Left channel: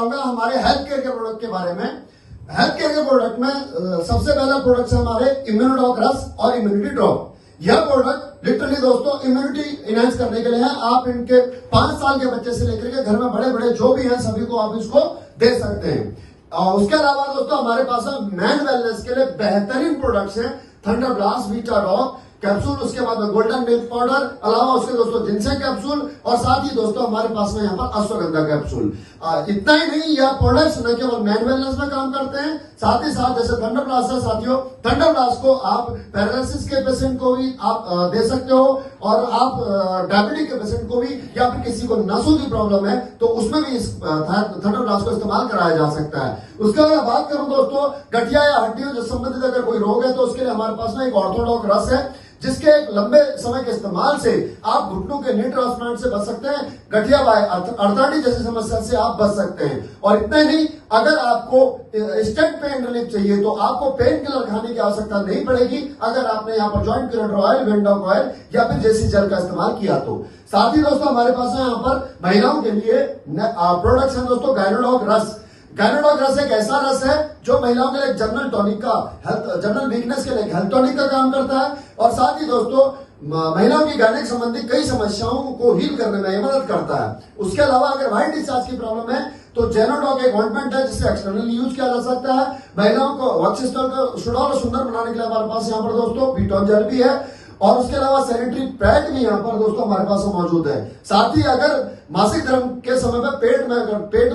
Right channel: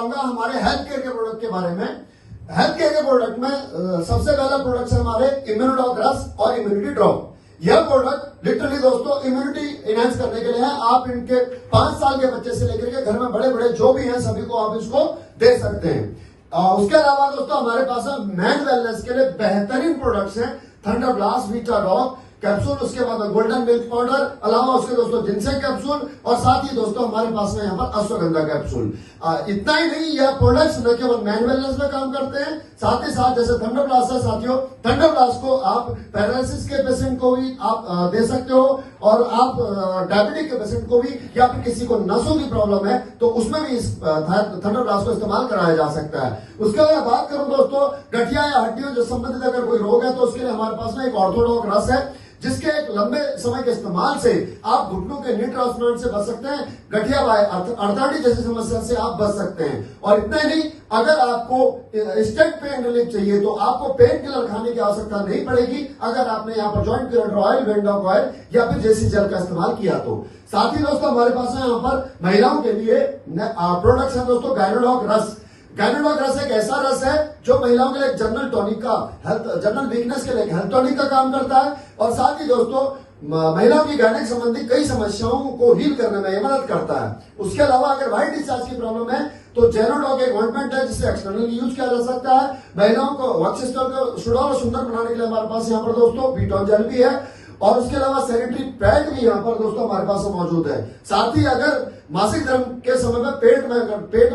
बताऊंगा हमारे health care के प्रोडक्ट के बारे में। हेल्थ केयर के प्रोडक्ट में सबसे पहला प्रोडक्ट है हमारे इम्यूनोडॉक रस और इम्यूनिटी ड्रॉप। यह प्रोडक्ट लिटरली दोस्तों इम्यूनिटी इनहेंस करने के लिए है। आप इनके 5 साल के बच्चे से लेकर के घर में बड़े बड़े जो भी हैं सभी को आप इसको दे सकते हैं। उसके अलावा दोस्तों हमारे पास मैन वेलनेस के लिए बेहतरीन प्रोडक्ट्स हैं। Thunder blast, Vita dog capsule, उसके बाद में गोल्डन मिल्क पाउडर, अलावा उसके दोस्तों जिनसेंग कैप्सूल और साथ ही दोस्तों हमारे पास में यहाँ पर अश्वगंधा कैप्सूल। इतना ही नहीं, यह प्रोडक्ट्स न केवल मैन वेलनेस में काम करते हैं, साथ ही साथ जैसे थंडर ब्लास्ट है साथियों, थंडर ब्लास्ट को आप पैरालिसिस के पेशेंट को भी आप दे सकते हो और आप डायबिटिक के पेशेंट को भी, या फिर किसी को नसों की प्रॉब्लम है तो उसमें भी इस थंडर ब्लास्ट को इस्तेमाल कराया जा सकता है। उसके बाद बात करूं दोस्तों गठिया या हड्डियों से संबंधित अगर कोई रोग है तो उसके लिए हमारे पास में एक ऑर्थोडॉक रस है, जिसके एक लंबे समय के इस्तेमाल से आप घुटनों के नी ट्रांसप्लांट से बच सकते हैं, गठिया बाय अर्थराइटिस जैसी समस्या से आप बच सकते हैं। और इतना ही नहीं, अगर आपको इंस्टेंट पेन रिलीफ चाहिए तो आपको पेन किलर खाने की आवश्यकता नहीं पड़ेगी अगर आपने यहाँ पर joint curator oil, Windhoek oil या फिर जेसी जेल का इस्तेमाल किया तो। साथ ही दोस्तों हमारे पास है यहाँ पर महिलाओं के लिए प्रोडक्ट्स है दोस्तों गायनोडॉक रस। गायनोडॉक रस एक ऐसा रस है जो महिलाओं के लिए जनरल टॉनिक का, हेल्थ जनरल वीकनेस के लिए हेल्थ टॉनिक का काम करता है और साथ ही दोस्तों महिलाओं की गायनिक संबंधी कई समस्याओं को हील करने में मदद करता है। उसके अलावा अगर व्हाइट डिस्चार्ज की प्रॉब्लम है तो जेनोडॉक एक ऑइंटमेंट है जिसे एक्सटर्नली यूज किया जा सकता है। महिलाओं को वर्क सिस्टम को सुडौल और सुंदर बनाने के लिए हमारे पास यहाँ पर दोस्तों बीटॉन जेल भी है और उसके अलावा सैनिटरी पैड भी यहाँ पर दोस्तों हमारे पास मौजूद है। साथ ही अगर मासिक धर्म के समय में पेट में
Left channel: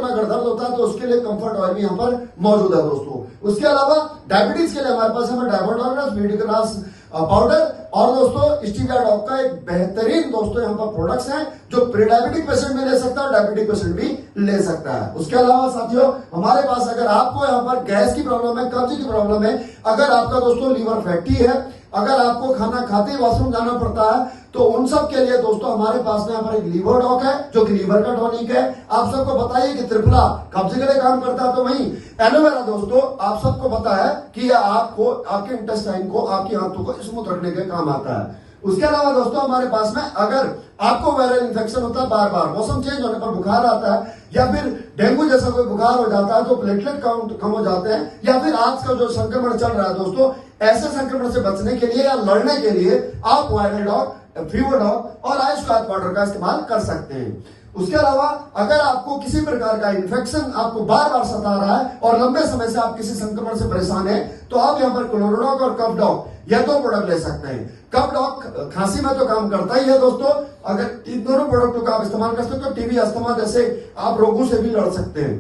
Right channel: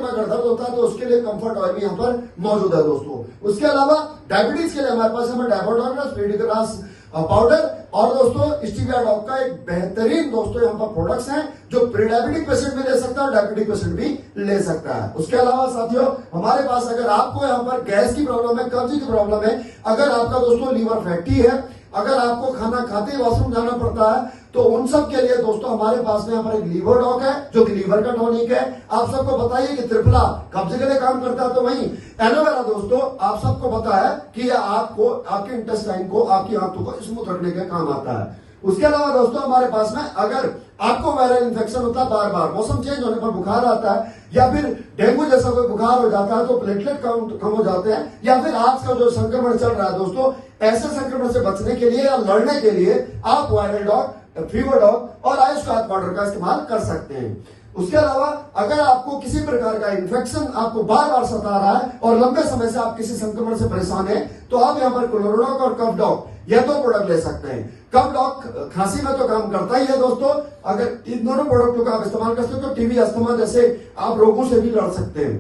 अगर दर्द होता है तो उसके लिए कंफर्ट ऑयल भी यहाँ पर मौजूद है दोस्तों। उसके अलावा डायबिटीज के लिए हमारे पास हमें डायबोडॉग्रास, वीडिग्रास पाउडर और दोस्तों स्टीविया डॉग का एक बेहतरीन दोस्तों यहाँ पर प्रोडक्ट्स हैं जो प्री डायबिटिक पेशेंट भी ले सकता है और डायबिटिक पेशेंट भी ले सकता है। उसके अलावा साथियों हमारे पास अगर आपको यहाँ पर गैस की प्रॉब्लम है, कब्ज की प्रॉब्लम है, अगर आपका दोस्तों लीवर फैटी है, अगर आपको खाना खाते ही वॉशरूम जाना पड़ता है तो उन सब के लिए दोस्तों हमारे पास में यहाँ पर एक लीवर डॉक है जो कि लीवर का टॉनिक है। आप सबको बताइए कि त्रिफला कब्ज के लिए काम करता है, तो वहीं एलोवेरा दोस्तों आप सबको पता है कि आपको आपके इंटेस्टाइन को, आपकी आंतों को स्मूथ रखने के काम आता है। उसके अलावा दोस्तों हमारे पास में अगर आपको वायरल इन्फेक्शन होता है, बार बार मौसम चेंज होने पर बुखार आता है या फिर डेंगू जैसा कोई बुखार हो जाता है तो प्लेटलेट काउंट कम हो जाते हैं, या फिर आज का जो संक्रमण चल रहा है दोस्तों, ऐसे संक्रमण से बचने के लिए या लड़ने के लिए आप वायरल डॉग, फीवर डॉग और आयुष्काल पाउडर का इस्तेमाल कर सकते हैं। उसके अलावा अगर आपको किसी प्रकार का इन्फेक्शन आपको बार बार सता रहा है और लंबे समय से आप किसी संक्रमण से परेशान हैं तो आप यहाँ पर क्लोरोडॉक और कफ डॉग यह 2 प्रोडक्ट ले सकते हैं। कफ डॉग खांसी में तो काम करता ही है दोस्तों, अगर इन दोनों प्रोडक्टों का आप इस्तेमाल कर सकते हो टीबी, अस्थमा जैसे आप रोगों से भी लड़ सकते हैं।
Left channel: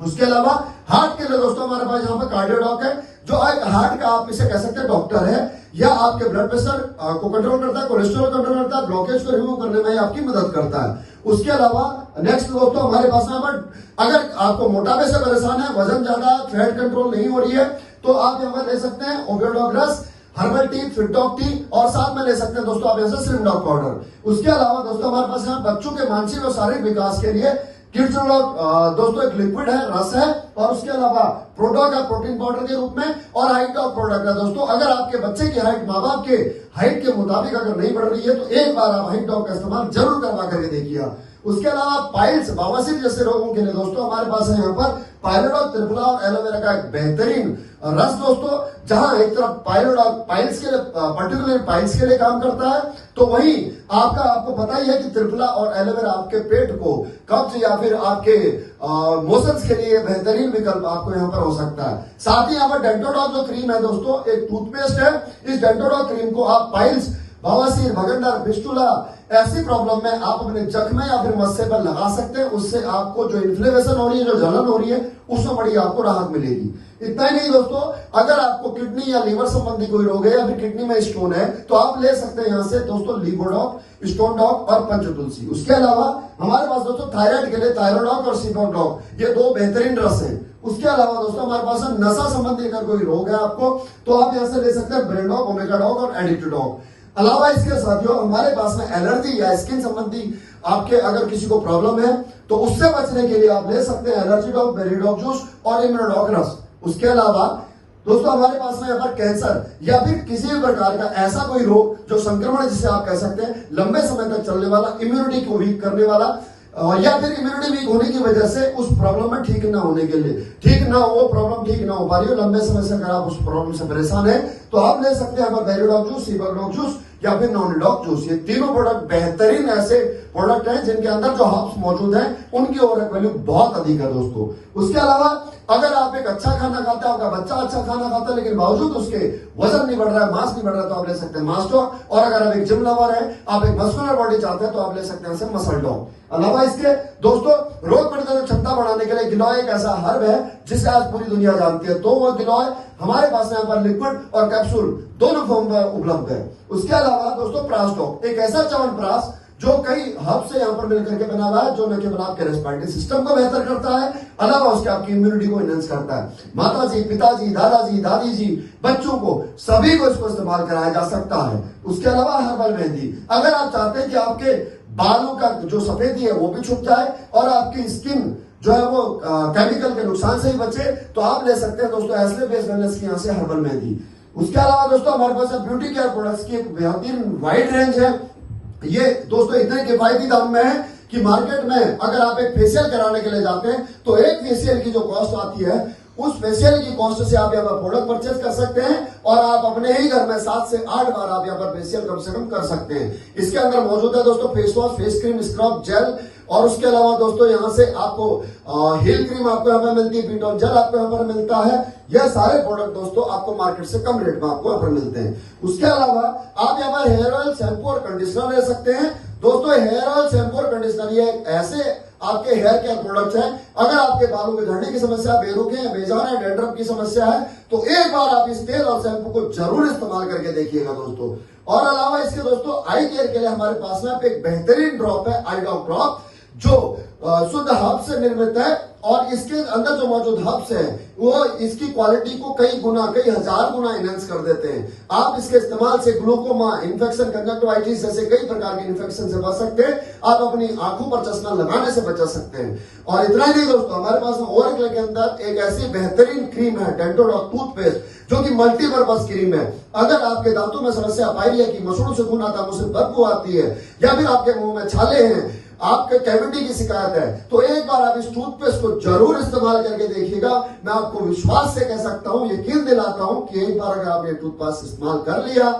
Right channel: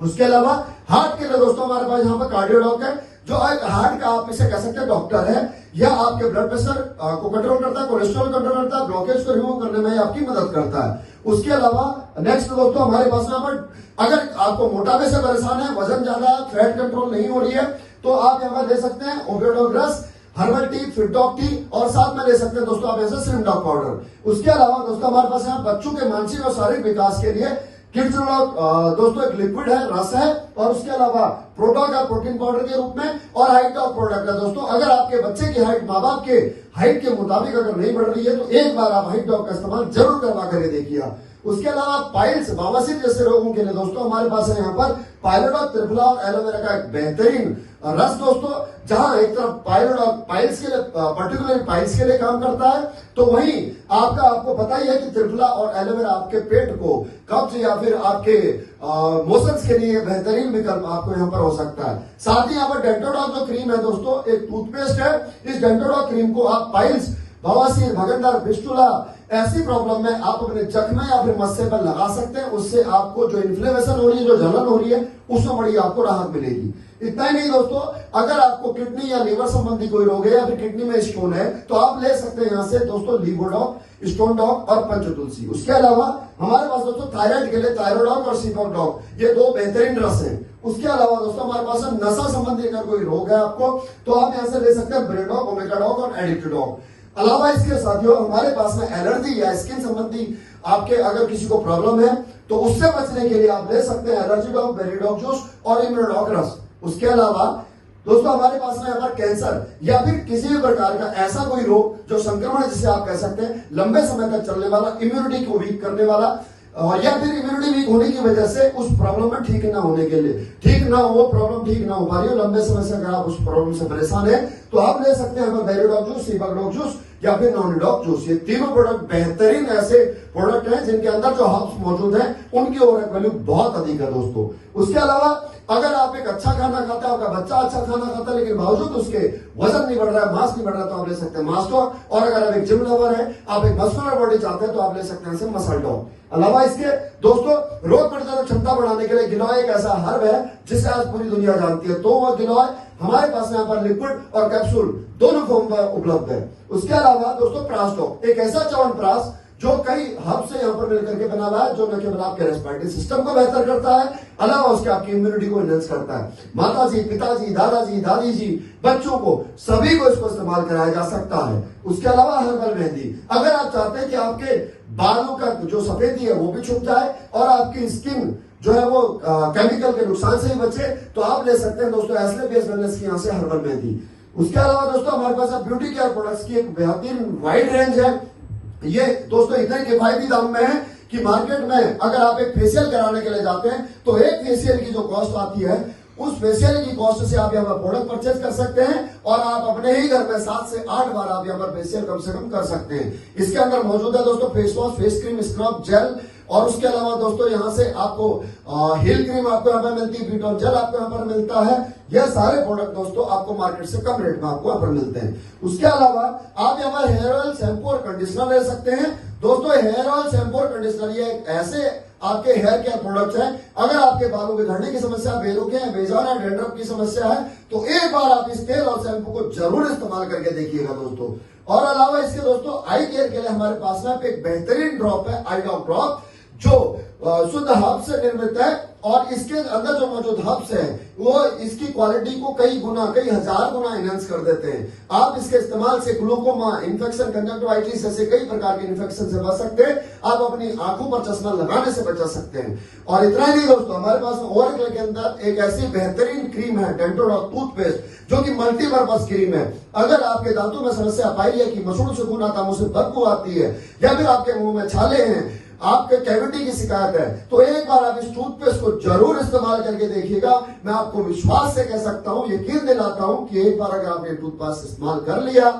उसके अलावा हार्ट के लिए दोस्तों हमारे पास यहाँ पर कार्डियोडॉक है जो एक हार्ट का आप इसे कह सकते हैं डॉक्टर है, या आपके ब्लड प्रेशर को कंट्रोल करता है, कोलेस्ट्रॉल कंट्रोल करता है, ब्लॉकेज को रिमूव करने में आपकी मदद करता है। उसके अलावा नेक्स्ट दोस्तों हमारे पास यहाँ पर अगर आपको मोटापे से परेशान है, वजन ज्यादा है, फैट कंट्रोल नहीं हो रही है तो आप यहाँ पर ले सकते हैं ओवियोडॉक रस, हर्बल टी, फिटडॉक टी और साथ में ले सकते हैं दोस्तों आप ऐसे स्लिम डॉग पाउडर। उसके अलावा दोस्तों हमारे पास यहाँ बच्चों के मानसिक और शारीरिक विकास के लिए किड्स डॉग दोस्तों एक लिक्विड है, रस है और उसके अलावा प्रोडॉग है प्रोटीन पाउडर के रूप में और हाइट डॉग प्रोडक्ट है दोस्तों। अगर आपके बच्चे की हाइट माँ बाप के हाइट के मुताबिक अगर नहीं बढ़ रही है तो एक बार आप हाइट डॉग का इस्तेमाल जरूर करवा करके देखिए। उसके अलावा पाइल्स, बवासीर जैसे रोगों के लिए दोस्तों हमारे पास है यहाँ पर पायलोडॉग, त्रिफला और एलोवेरा का एक बेहतरीन रस दोस्तों, जहां एक तरफ पायलोडॉग पाइल्स के लिए, पर्टिकुलर पाइल्स के लिए काम करता है तो वहीं आपको पता ही है कि त्रिफला और एलोवेरा आपके पेट को कब्ज या फिर आपके मोशंस के लिए बेहतरीन विकल्प आपको यहाँ पर हो सकता है। साथ ही यहाँ पर डेंटोडॉग जो क्रीम है दोस्तों एक टूथपेस्ट है, इस डेंटोडॉग क्रीम को आप पाइल्स, बवासीर, भगंदर, फिस्टुला ऐसी प्रॉब्लम में आप अपने जख्म या फिर मस्से पर लगा सकते हैं, उससे आपको जो इन्फ्लेमेशन हो रही है, जो जलन हो रही है, उसमें बड़ी आपको राहत मिलेगी। इतना ही नहीं दोस्तों, अगर आपको किडनी या लीवर संबंधी कोई रोग है या फिर किडनी में स्टोन है तो आप ले सकते हैं यहाँ से दोस्तों लीवोडॉग, स्टोन डॉग और पंचतुलसी। उसके अलावा हमारे पास दोस्तों थायराइड के लिए थायरोडॉग और सीपोन डॉग, ये 2 बेहतरीन रस है। उसके अलावा दोस्तों हमारे पास नशा संबंधी अगर कोई रोग है आपको तो आप यहाँ से ले सकते हैं ब्रेडॉग, ओमेगाडॉग और एडिक्टडॉग। अलावा इसके साथियों हमारे पास में एलर्जी या स्किन संबंधी आपके अगर किसी को प्रॉब्लम है तो उससे बचने के लिए आप ले सकते हैं एलर्जी डॉग, बेरीडॉग जूस और इम्यूनोडॉग रस। उसके अलावा दोस्तों हमारे पास में अगर कैंसर या फिर किसी भी प्रकार का ऐसा कोई रोग जो संक्रमण जिसे आप कह सकते हैं लंबे समय तक चलने वाला, इम्यूनिटी को वीक करने वाला, या फिर इम्यूनिटी वीक होने की वजह से उस प्रॉब्लम में ठीक ना होने के लिए, ठीक ना हो, प्रॉब्लम ठीक ना हो पा रही हो, लंबे समय से अगर आप उस प्रॉब्लम से परेशान है तो आप ले सकते हैं डायरोडॉग जूस, सीबाडॉग जूस या फिर नॉनिडॉग जूस। ये तीनों प्रोडक्ट बेहतरीन ऐसे प्रोडक्ट हैं जिनके अंदर जो हर्ब्स मौजूद हैं उनकी ओवरऑल वैल्यू बहुत अधिक है दोस्तों। उसके अलावा अगर आप एक अच्छा खाना खाते हैं, आपका बच्चा अच्छा खाना खाता है लेकिन बावजूद उसके वजन नहीं बढ़ रहा है, मांस नहीं बढ़ रहा है, तो आप ले सकते हैं मास्टोर। और अगर आप एक जिम लवर है, आप एक मस्कुलर बॉडी चाहते हैं तो आप ले सकते हैं मसल डॉग। अलावा इसके दोस्तों रोग प्रतिरोधक क्षमता बढ़ाने के लिए गिलोय एक ऐसा हर्ब है जिसे आज पूरी दुनिया जानती है। तो वो गिलोय हमारे पास यहाँ पर लिक्विड और कैप्सूल दोनों फॉर्म में उपलब्ध है। उसके अलावा दोस्तों प्रासडॉग एक ऐसा च्यवनप्राश जो कई हब से यहाँ पर मिलकर के बना हुआ है, जो न केवल आपके रेस्पिरेटरी सिस्टम को बेहतर करता है, अलावा उसके आपकी इम्यूनिटी को एनहेंस करता है। माताजी, पिताजी, दादाजी, दादी जी, बच्चों को सभी को इसको इस्तेमाल कराया जा सकता है। उसके अलावा हर्बल मेहंदी, अगर आप चाहते हैं कि आपके बालों का जो सफेदी है वो भी छुप जाए और आपकी स्किन जो है वो केमिकल के नुकसान से ही बचे, तो आप ले सकते हैं दोस्तों एस्ले बेस वेलनेस की यहाँ से हर्बल मेहंदी। उसके अलावा दोस्तों हमारे पास ब्यूटी केयर प्रोडक्ट्स की एक बेहतरीन वाइड रेंज है। ये दोस्तों इतने किफायती दाम में है कि मार्केट में अगर आप एक फेशियल कराने के लिए जाते हैं तो एक फेशियल की जो कॉस्ट आती है उस फेशियल की कॉस्ट से आप यहाँ पर प्रोडक्ट परचेज कर सकते हैं और आप अपने ही घर में 7 से 8 बार आप यहाँ पर फेशियल कम से कम कर सकते हैं। इसके अंदर मौजूद है दोस्तों face wash, face cream, scrub, gel और उसके अलावा दोस्तों यहाँ से आपको हिल क्रीम आपको यहाँ पर मिलती है, बीट ऑफ जेल आपको यहाँ पर मिलता है। यह सारे प्रोडक्ट दोस्तों आपको मार्केट से कम रेट में आपको यहाँ पर मिलते हैं। उसके अलावा आप यहाँ पर हेयर ऑयल, शैम्पू और कंडीशनर ले सकते हैं। दोस्तों हेयर ऑयल, शैम्पू और कंडीशनर ये ऐसे आपके हेयर केयर प्रोडक्ट्स हैं, अगर आपके बालों के झड़ने की समस्या, बेरुखे हैं, बेजान है, डैंड्रफ की समस्या है तो एक बार आप इस तेल और शैम्पू को जरूर इस्तेमाल करके देखिएगा दोस्तों। और अलावा इसके दोस्तों आई केयर के लिए हमारे पास में एक बेहतरीन ड्रॉप है, आई ड्रॉप ड्रॉप, जो शुद्ध हर्ब से निर्मित है और इसके अंदर जो मौजूद हर्ब्स है वो इसकी क्वालिटी को कई गुना, कई हजार गुना एनहेंस कर देते हैं। आप इसके इस्तेमाल से ग्लूकोमा, इन्फेक्शन, कंजक्टिवाइटिस जैसे कई प्रकार के इन्फेक्शन से बच सकते हैं। आप अपनी आंखों पर चश्मा लगाने से बचा सकते हैं। और इतना ही नहीं दोस्तों, हमारे पास ओवरक्ले के अंदर एक ऐसी बेहतरीन क्रीम है, डेंटोडॉग टूथपेस्ट, जो कि मल्टीपर्पज क्रीम है। अगर आपके दांतों में समस्या पाई है कि मसूड़ों से खून आता है, मुझसे बदबू आती है या फिर आपके मुंह में छाले हैं, आपके कैविटी की शिकायत है, तो एक बार आप इस टूथपेस्ट को जरूर इस्तेमाल करके देखिएगा। मैं आपको विश्वास से कह सकता हूं, यकीन दिलाता हूं कि एक बार अगर आपने टूथपेस्ट इस्तेमाल कर लिया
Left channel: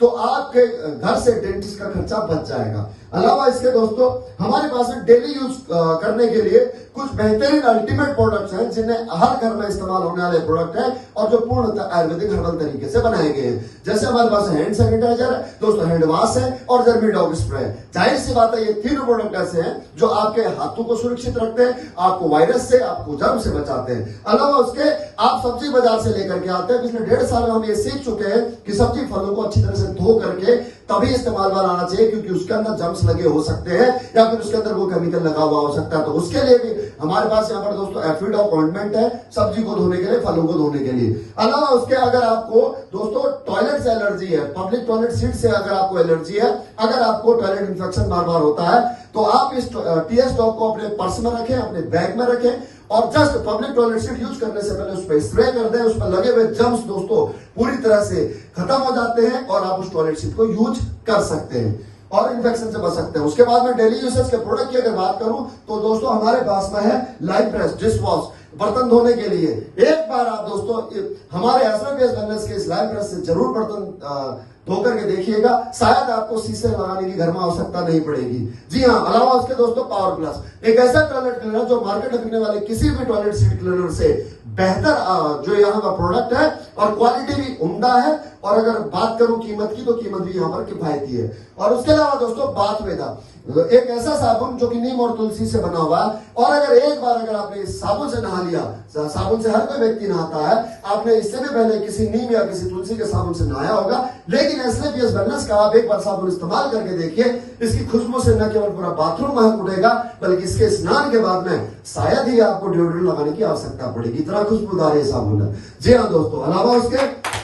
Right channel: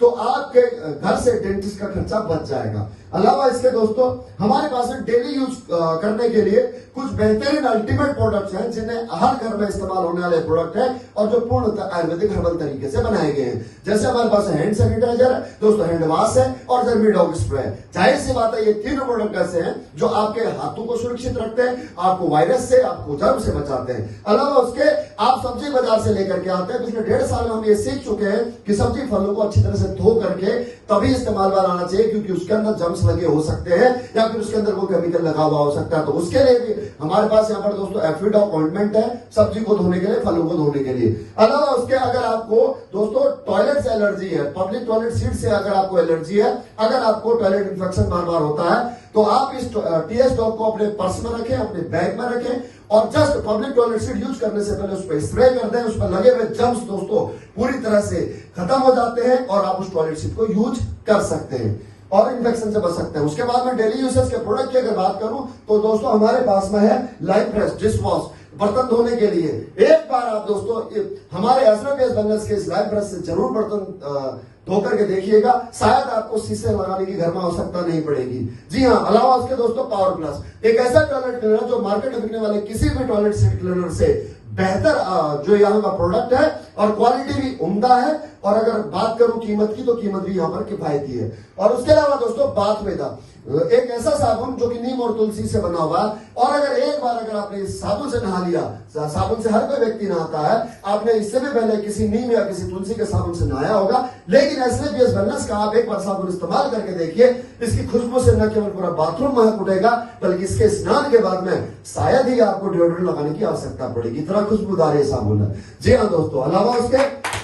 तो आपके घर से डेंटिस्ट का खर्चा बच जाएगा। अलावा इसके दोस्तों हमारे पास डेली यूज करने के लिए कुछ बेहतरीन अल्टीमेट प्रोडक्ट्स हैं जिन्हें हर घर में इस्तेमाल होने वाले प्रोडक्ट हैं और जो पूर्णतः आयुर्वेदिक हर्बल तरीके से बनाए गए हैं। जैसे हमारे पास हैंड सैनिटाइजर है दोस्तों, हैंड वॉश है और जर्मीडॉग स्प्रे। जाहिर सी बात है ये तीनों प्रोडक्ट ऐसे हैं जो आपके हाथों को सुरक्षित रखते हैं, आपको वायरस से, आपको जर्म से बचाते हैं। अलावा उसके आप सब्जी बाजार से लेकर के आते हैं। पिछले 1.5 साल में हम ये सीख चुके हैं कि सब्जी फलों को अच्छी तरह से धो करके तभी इस्तेमाल में लाना चाहिए, क्योंकि उसके अंदर जर्म्स लगे हो सकते हैं या फिर उसके अंदर कोई केमिकल लगा हुआ हो सकता है। तो उसके लिए भी हमारे पास यहाँ पर दोस्तों एफ्रीडॉग ऑइंटमेंट है, सब्जी को धोने के लिए, फलों को धोने के लिए। अलावा उसके अगर आपको दोस्तों टॉयलेट से एलर्जी है, पब्लिक टॉयलेट सीट से अगर आपको एलर्जी है, अगर आपको टॉयलेट इन्फेक्शन बार बार होता है तो आप इस टीएस डॉग को अपने पर्स में रखें, अपने बैग में रखें और just public toilet seat use करने से पहले उस पर स्प्रे कर दें। उस पर लगे हुए जर्म्स दोस्तों पूरी तरह से खत्म हो जाते हैं और आप उस टॉयलेट सीट को यूज कर सकते हैं और इन्फेक्शन से बच सकते हैं। उसके बाद में डेली यूसेज के प्रोडक्ट की अगर बात करूं तो दोस्तों हमारे पास में है लाइफ प्रेस डिश वॉश, बर्तन धोने के लिए। एक बार आप दोस्तों हमारे एस्ट्रोगेस वेलनेस के इस लाइफ प्रेस से जरूर बर्तन धो करके देखिएगा, शायद आपको शीशे लगाने की घर में आवश्यकता नहीं पड़ेगी। जी हाँ, अलावा उसके दोस्तों पावर प्लस एक ऐसा टॉयलेट क्लीनर जो मार्केट में बिकने वाले किसी भी टॉयलेट सीट क्लीनर से बेहतर जो यहाँ का प्रोडक्ट है और क्वालिटी भी उम्दा है। और अगर बात करूं कीमत की तो कीमत भी यहाँ पर किफायती है। और उसके अलावा दोस्तों बाथ वेदा एक ऐसा साबुन जो कि नीम और तुलसी से बना हुआ है और अगर एक बार अगर आपने इस साबुन से नहा लिया, साबुन से हर कोई व्यक्ति नहाता है, आपने इससे भी पहले किसी नीम या किसी तुलसी के साबुन से नहाया होगा, लेकिन एस्क्लेपियस वेलनेस का आप एक बार साबुन इस्तेमाल करके देखिए। इसकी खुशबू से न केवल पूरा बाथरूम महक उठेगा बल्कि इसके स्नान के बाद में शायद ही आपको डिओड्रेंट लगाने की आवश्यकता पड़ेगी, इतना खुशबूदार ये साबुन है। जी हाँ दोस्तों, अलावा उसके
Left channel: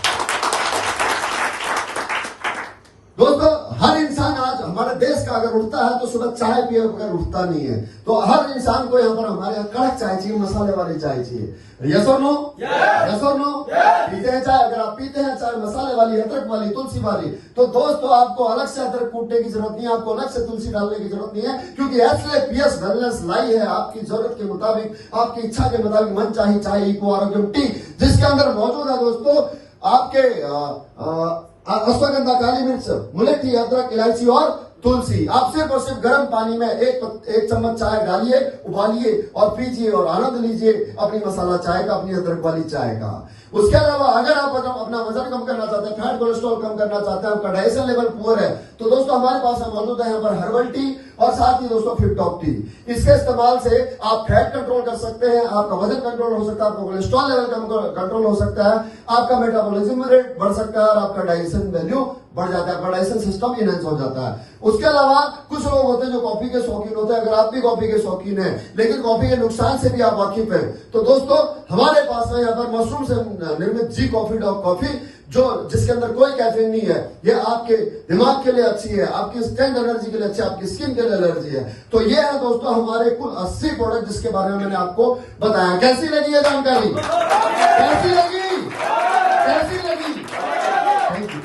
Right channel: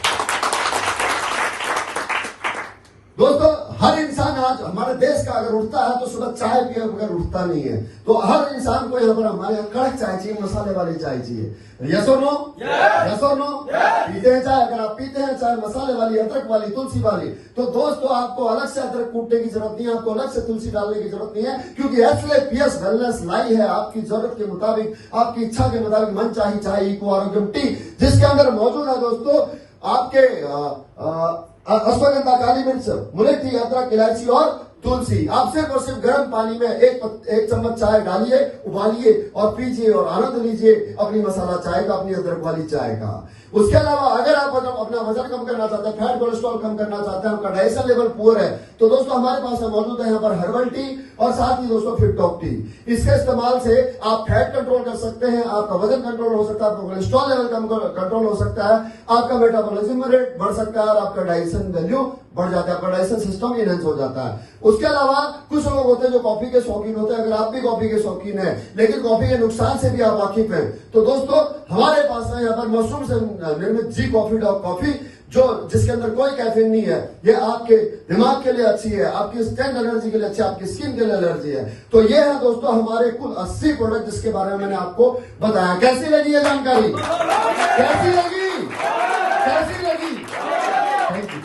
दोस्तों हर इंसान आज हमारे देश का बच्चा अगर उठता है तो सुबह चाय पिए बगैर उठता नहीं है। तो हर इंसान को यहाँ पर हमारे यहाँ कड़क चाय चाहिए, मसाले वाली चाय चाहिए। यस और नो? यस और नो? पीते हैं चाय? अगर आप पीते हैं चाय मसाले वाली, अदरक वाली, तुलसी वाली, तो दोस्तों आपको अलग से अदरक कूटने की जरूरत नहीं है, आपको अलग से तुलसी डालने की जरूरत नहीं है, क्योंकि HLAPS वेलनेस लाई है आपकी जरूरत के मुताबिक, आपकी इच्छा के मुताबिक मन चाही चाय इको आरोग्यम टी, जिसके अंदर मौजूद है दोस्तों आपके अश्वगंधा, काली मिर्च, मुलेठी, अदरक, इलायची और तुलसी। आप सिर्फ और सिर्फ गर्म पानी में एक चम्मच चाय डालिए, उबालिए और पीजिए और आनंद लीजिए अपनी मसाला चाय का, अपनी अदरक वाली चाय का। उसके अलावा अगर आप अपना वजन कम करना चाहते हैं, फैट कोलेस्ट्रॉल कम करना चाहते हैं, आपका डाइजेशन लेवल पुअर है, तो दोस्तों हमारे पास मौजूद है यहाँ पर हर्बल टी और साथ ही दोस्तों फिट टॉप टी। इसके इस्तेमाल से आप फैट कंट्रोल कर सकते हैं, आपका वजन कंट्रोल हो सकता है, आपका कोलेस्ट्रॉल लेवल कंट्रोल हो सकता है, आपका मेटाबॉलिज्म रेट बढ़ सकता है और आपका डाइजेशन वैल्यू बढ़ जाता है, आपका डाइजेशन सिस्टम इनहेंस हो जाता है। उसके अलावा कुछ लोग होते हैं जो कॉफी के शौकीन होते हैं, अगर आप भी कॉफी के शौकीन हैं लेकिन कॉफी के नुकसान से भी आप वाकिफ हैं, तो दोस्तों हमारे पास है यहाँ पर मशरूम से निर्मित जी कॉफी डॉग कॉफी, जो जिसके अंदर कोई कैफीन नहीं है। ये आपके दिमाग के लिए अच्छी है, आपकी इंस्टेंट एनर्जी के लिए अच्छी है, आपकी स्किन के लिए एनर्जी है। तो ये है दोस्तों हमारे कुल 80 प्रोडक्ट जिसके बारे में मैंने आपको बताया। कैसी लगी ये जानकारी? कैसी लगी? कैसी लगी? Thank you.